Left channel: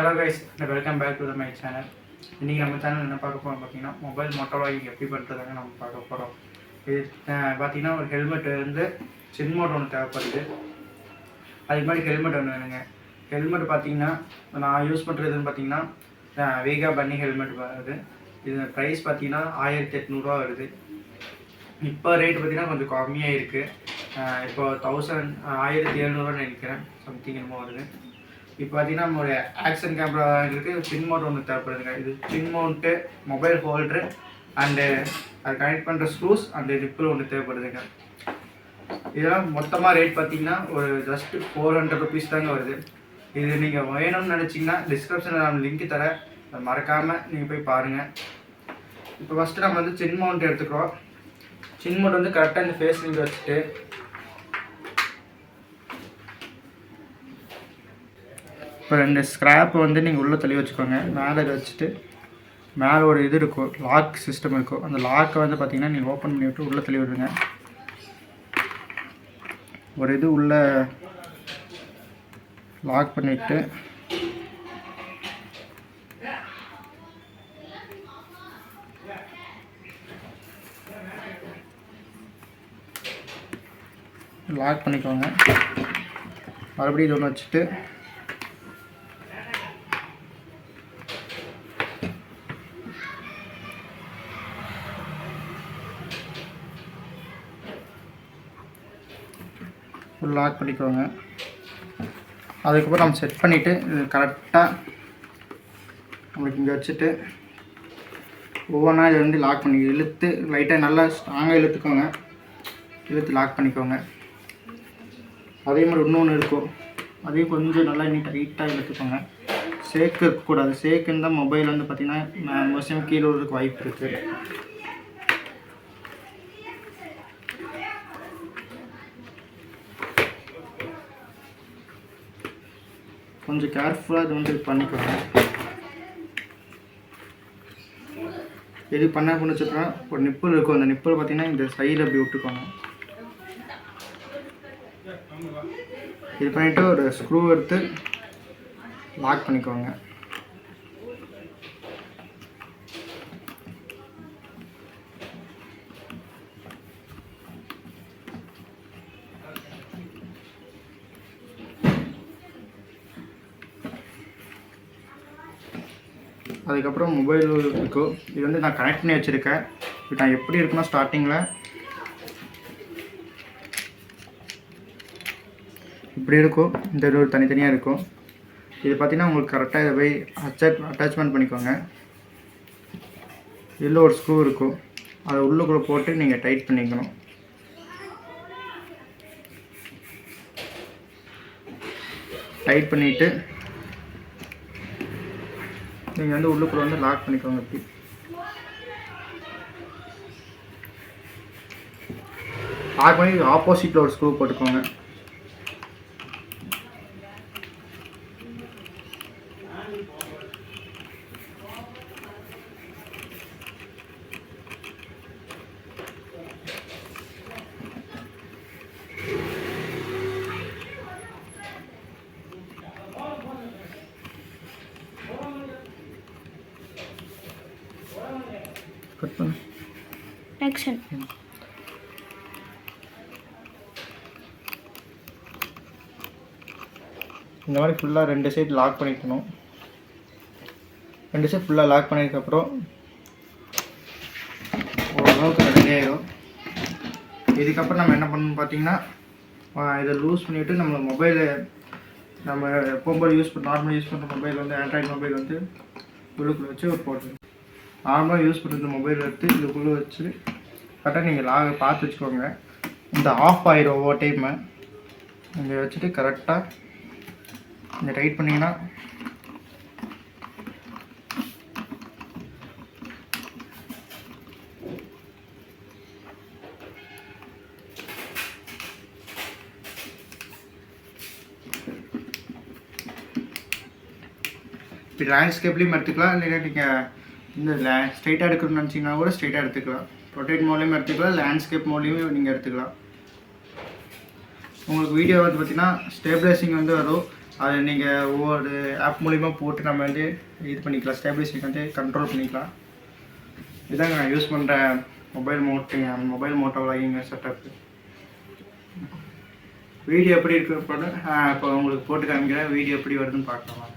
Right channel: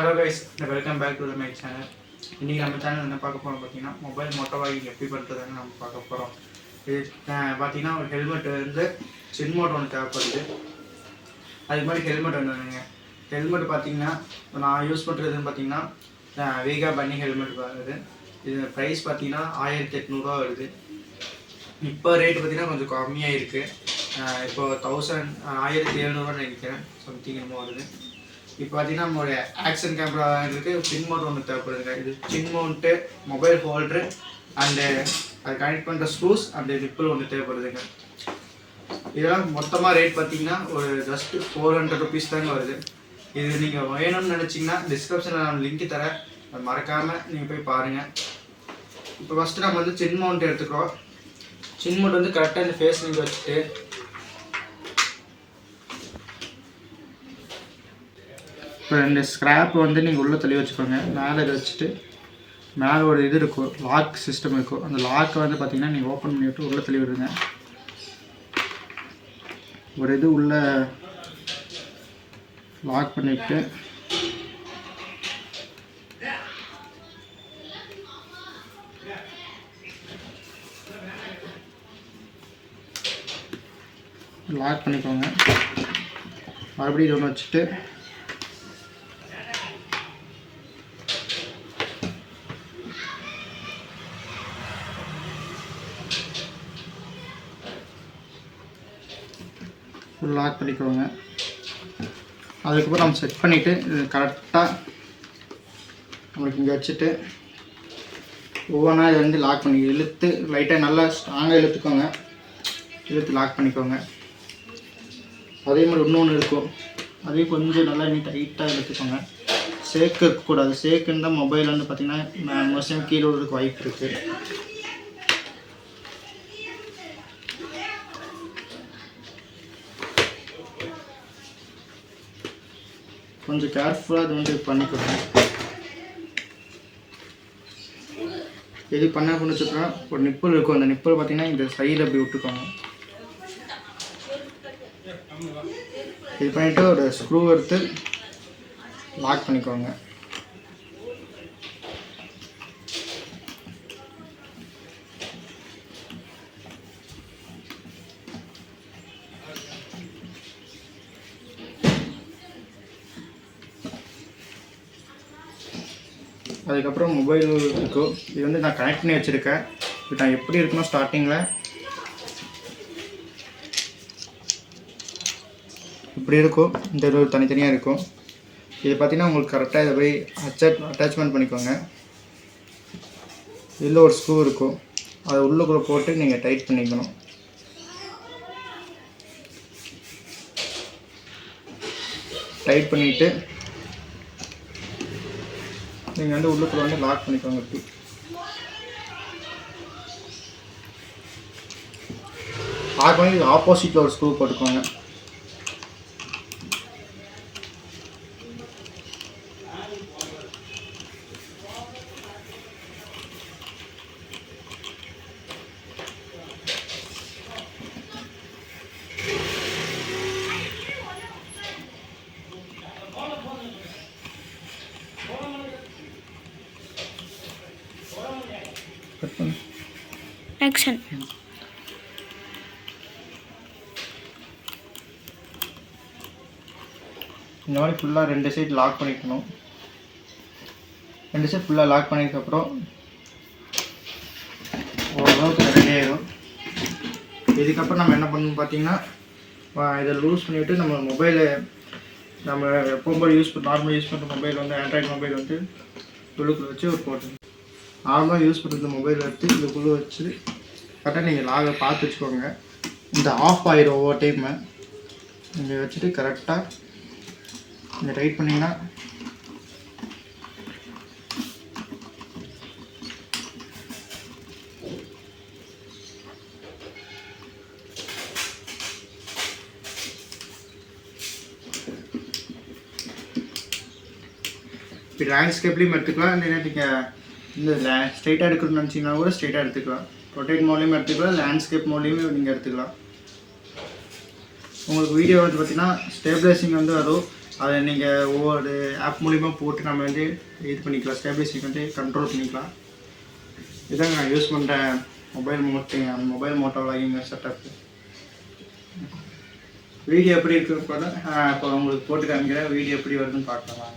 Hello guys, welcome back to my channel. இன்றைக்கி நம்ம channel என்ன பார்க்க போகிறோம் பார்த்தீங்கன்னா, மொபைல் மோட்டோவாகி எப்படி பண்ணுறதுன்னு நம்ம பார்க்க போகிறோம். இது பார்த்தீங்கன்னா ஒரு ஹெல்மெட் வந்து சின்மோட் ஒன்று தேவைப்படுது. அதுக்கு மாதிரி ஹெல்மெட் ஒன்று வேணுங்க. ஹெல்மெட் பார்த்தீங்கன்னா நான் யூஸ் பண்ணுறதுன்னு பார்த்தீங்கன்னா வீகா பன்னி ஹெல்மெட் வருது. இது ப்ரைஸ் பார்த்தீங்கன்னா 1800 வருது. இப்போ ரேட்டு பார்த்தீங்கன்னா கொஞ்சம் கம்மியாக இருக்குது. இப்போ 1700 நினைக்கிறேன், சம்திங் என்னமோ வருது. இப்போ பார்த்தீங்கன்னா நம்மளுடைய ஆக்ஷன் கேமரா இருக்குது, சின் மவுண்ட் ஒன்று தேவைப்படுதுங்க. இது சின் மவுண்ட்டு, மொபைல் ஹோல்ட்ரு அண்டு அது கனெக்ட் பண்ணுற ஸ்க்ரூஸ் அண்டு ரிப்பிள் ஒன்று தேவைப்படுதுங்க. இதெல்லாம் மொத்தமாக ரேட் பார்த்தீங்கன்னா ஒரு ஜஸ்ட் 400 ருபீஸ் தாங்க வருது. இது நீங்கள் வேணும்னு நினச்சிங்கன்னா டிஸ்கிரிப்ஷனில் நான் லிங்க் தரேன், அதை மறக்காமல் நீங்கள் போய் பாருங்கள். இப்போ ஃபஸ்ட்டு நம்ம வந்து சின் மவுண்ட் எடுத்துக்கிறோம். சின் மவுண்ட் வந்து கரெக்டாக இந்த ஃபேஸ் நீங்கள் வச்சுட்டு இப்போ 2 ஸ்க்ராப் வந்து நீங்கள் உள்ளே தள்ளி வச்சுக்கோங்க. மேலே இதை வச்சுட்டு மேலே ஒரு இது இருக்கும், லாக் சிஸ்டம் இருக்கும். அந்த லாக்கை வந்து பார்த்தீங்கன்னா நீங்கள் ஓப்பன் பண்ணிவிட்டு உள்ளே தள்ளி விடுங்க. ஒரு இது உள்ளே லாக் பண்ணிவிட்டு லாக் பண்ணிக்கோங்க. மறுபடியும் இது ஒன்று வச்சுட்டு லாக் பண்ணிக்கோங்க. அதுக்கப்புறம் நம்ம செட் பண்ணிவிட்டு இது கரெக்டாக நம்மளுக்கு இங்கே வச்சுட்டு ஒவ்வொன்றா இதை வந்து லாக் பண்ணி இழுத்து லைட்டாக நல்லா ஸ்ட்ராங்காக இழுத்துக்கோங்க. இழுத்து லாக் பண்ணிக்கோங்க. அதே மாதிரி இன்னொன்று இருக்கும், அதையும் கொஞ்சம் நல்லா இன்னும் டைட்டாக இழுத்துக்கோங்க. சேக்கு இருக்கக்கூடாது. சேக்குன்னு தான் மொபைல் வந்து பார்த்திங்கன்னா மோஸ்ட்லி கீழே விடுறதுக்கு வாய்ப்பு இருக்குது. கொஞ்சம் கேர்ஃபுல்லாக இது வந்து பண்ணிக்கோங்க. எது பண்ண வச்சுட்டோம்னா ஒரு நிப்பிள் இருக்கும், அந்த நிப்பிள் பார்த்தீங்கன்னா இந்த சைடில் அப்படி விட்டுக்கோங்க. இது பண்ணிவிட்டு ஒரு ஸ்க்ரூ எடுத்து லாக் பண்ணிக்கோங்க. அதுக்கப்புறம் மொபைல் இருக்கும். இது வந்து நான் கனெக்ட் பண்ணி வச்சுருக்கேன். இது நான் எப்படி இருக்குன்னா ஸ்டார்டிங்கில் இப்படி இருக்கும், இந்த இது தனித்தனியாக இருக்கும். இது பார்த்திங்கன்னா உங்களுக்கு கரெக்டாக இதை போய் அட்டாச்மெண்ட் பண்ணிக்கோங்க. இதில் ஒரு ஸ்க்ரூ இருக்கும், அதை உள்ளுக்குள்ளே போட்டு நீங்கள் டைட் பண்ணிக்கணும். டைட் பண்ணிவிட்டு நீங்கள் வந்து உள்ளுக்குள்ள வந்து லாக் பண்ணிக்கோங்க. இப்படி லாக் பண்ணி ஆப்போசிட்டில் ஒரு ஸ்க்ரூ போட்டுக்கோங்க. ஆக்ஷன். இந்த மாதிரி ஃபுல்லாக 2 சைடு லாக் பண்ணிக்கணும். 2 சைடு ஃபுல்லாக லாக் பண்ணதுக்கப்புறம் ஓரளவுக்கு ரெடி ஆயிடும். இதுக்கப்புறம் நம்ம என்ன பண்ணணும் பார்த்தீங்கன்னா, இதை லூஸ் பண்ணிவிட்டு நம்ம மொபைலை நம்ம எப்போம்போது நார்மலாக யூஸ் பண்ணுற மொபைல் வந்து ஆண்ட்ராய்டு மொபைல் வந்து உள்ளுக்குள்ளே வச்சு ஒரு போட்டு நார்மலாக யூஸ் பண்ணுற மொபைல் எடுத்து இதுக்குள்ளே வச்சு கரெக்டாக நீங்கள் லாகை பார்த்து வச்சுக்கோங்க. இந்த ஆஃப் ஆயிடும் ஒவ்வொரு டைமு. நீங்கள் வச்சுட்டு கரெக்டாக நீங்கள் டைட் பண்ணிங்கன்னா இப்போ லேண்ட்ஸ்கேப்லேயும் எடுத்துக்கலாம். இல்லைன்னா நீங்கள் இந்த ஸ்ட்ரைட்டாக எடுக்கணும்னு நினச்சிங்கன்னா கூட ஸ்ட்ரைட்டாக எடுத்துக்கலாம். ரொட்டேட் மோட்லேயும் எடுத்துக்கலாம், லேண்ட்ஸ்கேப் மோட்லேயும் நீங்கள் எடுத்துக்கலாம். உங்களுக்கு வீடியோ வந்து பார்த்திங்கன்னா ஸ்டேபிளைசிங் வந்து வரும். அதை நீங்கள் ஒவ்வொரு ஆப் மூலிமா போட்டு நம்ம வந்து இது பண்ணிக்கலாம், ஸ்டேபிளைசேஷன் வந்து கண்ட்ரோல் பண்ணிக்கலாம். இதாங்க நான் யூஸ் பண்ணுற mobile Moto vlogging setup. Video எப்படி இருக்கு இப்போ உங்களுக்கு போட்டு காமிக்கிறேன். வீடியோ எப்படி வருதுன்னு பார்க்கலாம்.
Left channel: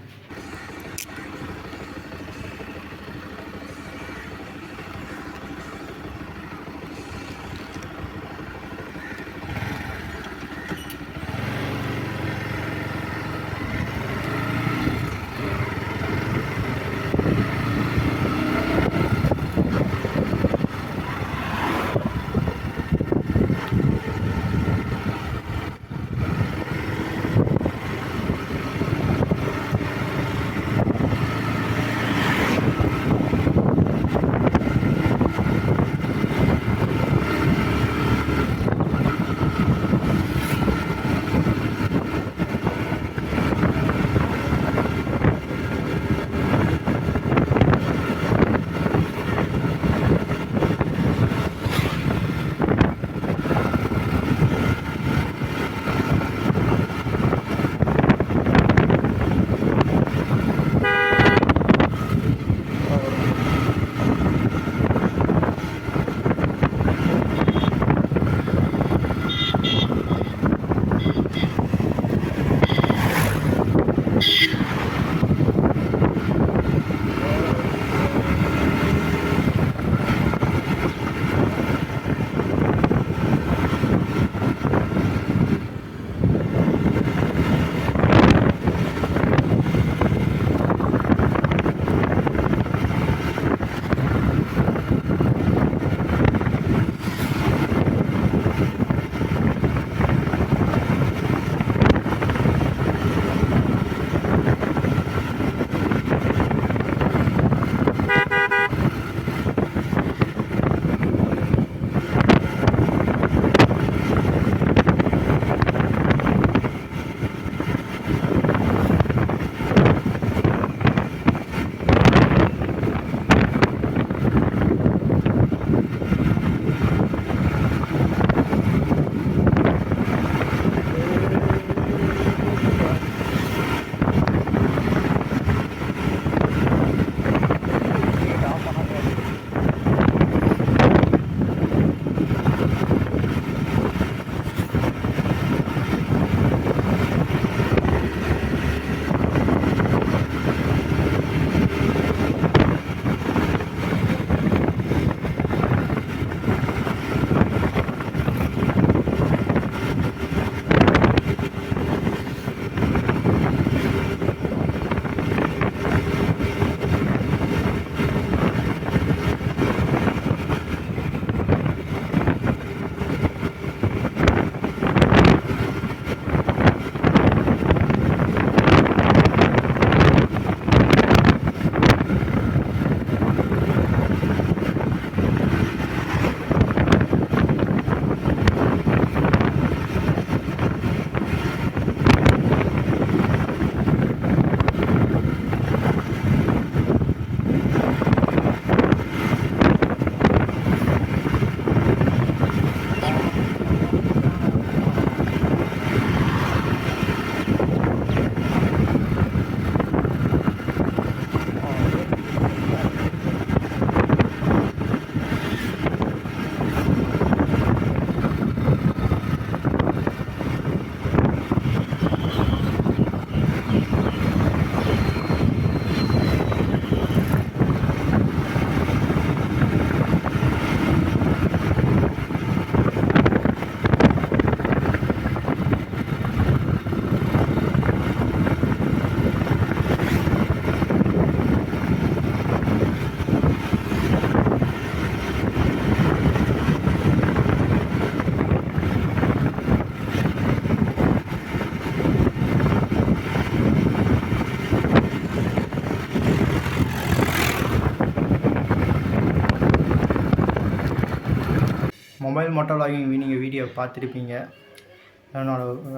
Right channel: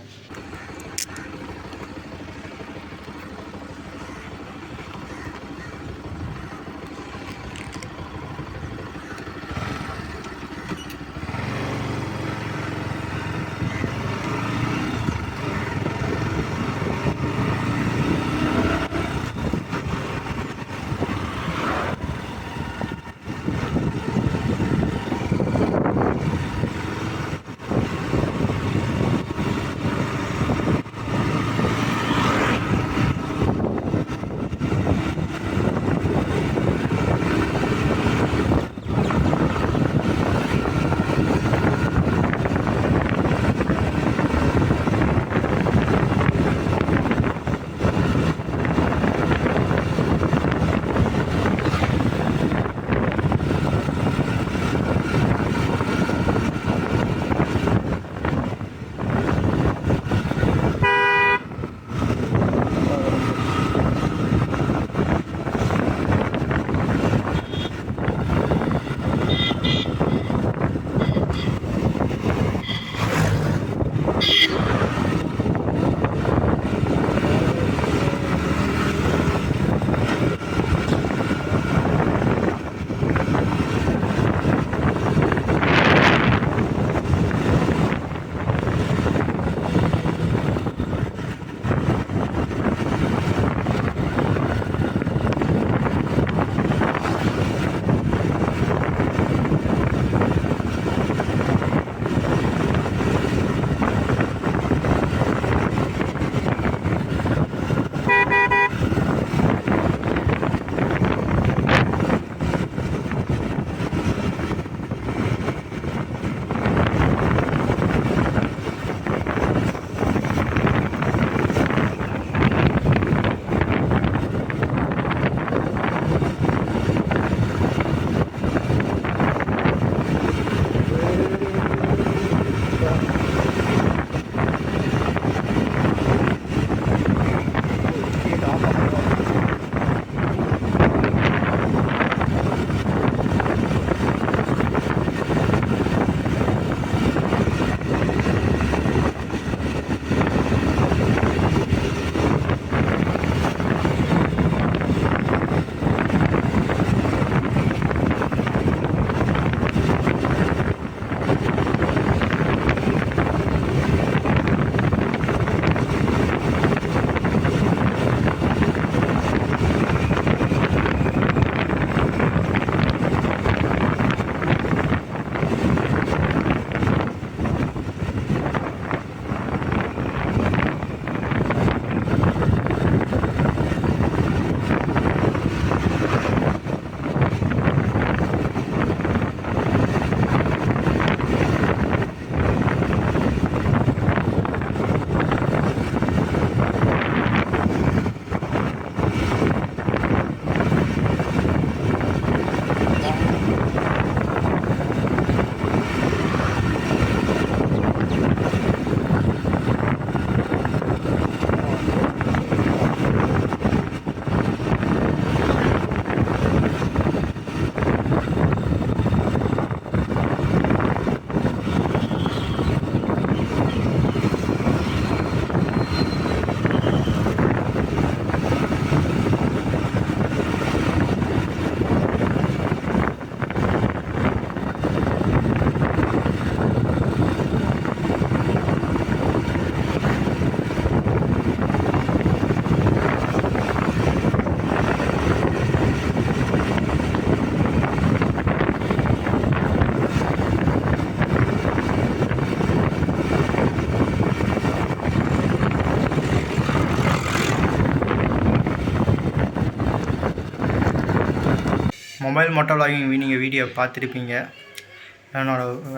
மொபைல் மோட்டோ விளாகிங் நீங்கள் வீடியோ பார்த்துருப்பீங்க.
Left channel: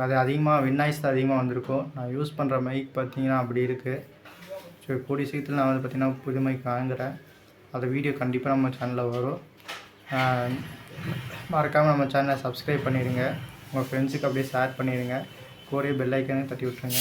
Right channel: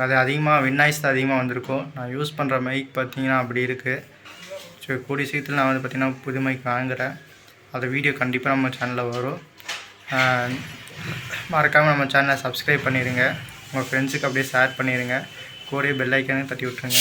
அது அதிகமாக வின்னாய்ஸ் தான் அதிகமாக வந்திருக்கும். நான் யூஸ் பண்ணுற மைக் பார்த்திங்கன்னா அப்படி இருக்குது. ஸோ கூடிய சீக்கிரத்தில் நான் வந்து பார்த்திங்கன்னா புது மைக் வாங்குகிறேன். அது வீடியோ கண்டிப்பாக நம்ம சேனலில் வரும். மறக்காமல் நம்ம சேனலை சப்ஸ்கிரைப் பண்ணிடுங்க. உங்கள் ஃப்ரெண்ட்ஸுக்கு அப்படியே ஷேர் பண்ணிடுங்க. கூடவே பெல் ஐக்கானே தட்டி விட்ருங்க.